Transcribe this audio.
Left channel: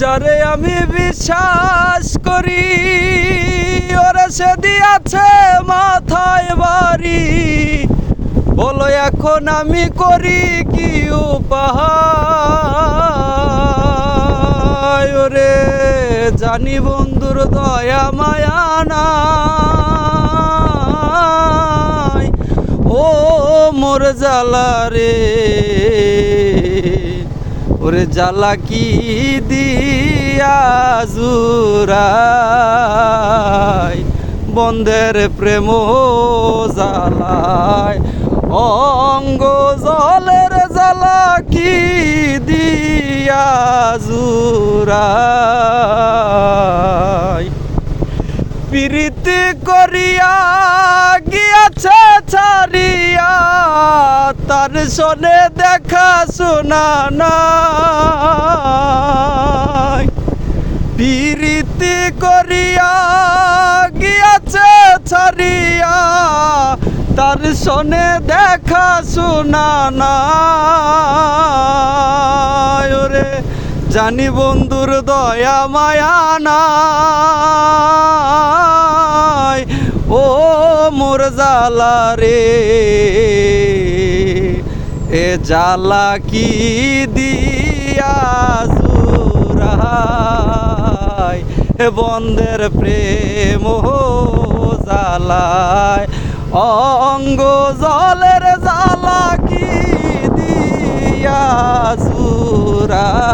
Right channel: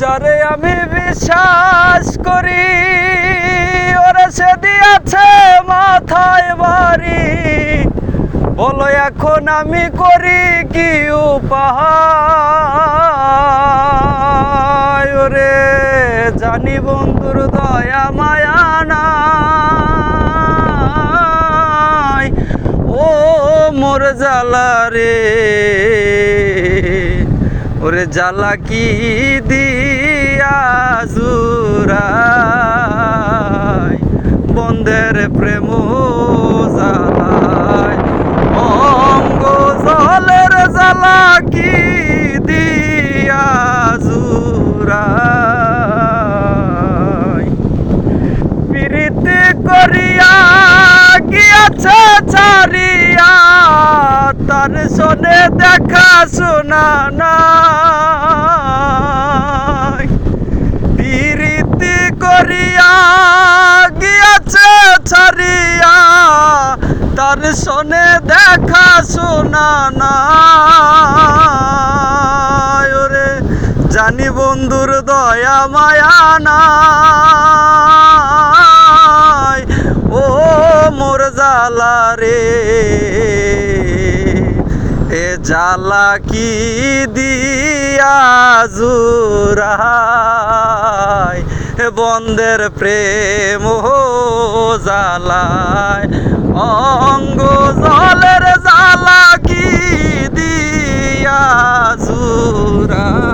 যারে আমি বিশ্বাস করি ওরে সে দিয়েছে মাথায় বাড়ি। বলো এখন আমি করি কি উপায়? ওরে জানি বন্ধুর দয়া মায়া নাই, ও মোর জ্বালা রে। ওরে জ্বালা কি দিয়া জুরাই, বন্ধের প্রেম জ্বালায় অঙ্গ জলের জ্বালা কি দিয়া জুরাই। প্রীতি করিয়া গিয়াছে ছাড়িয়া, তার শোনে দেখা শোনা নাই। প্রীতি করিয়া গিয়াছে ছাড়িয়া, তার শোনে দেখা শোনা নাই। ওরে জানি বন্ধুর দয়া মায়া নাই, ও মোর জ্বালা রে। এ জ্বালা কি দিয়া জুরাই, বন্ধের প্রেম জ্বালায় অঙ্গ জলের জ্বালা কি দিয়া জুরাই।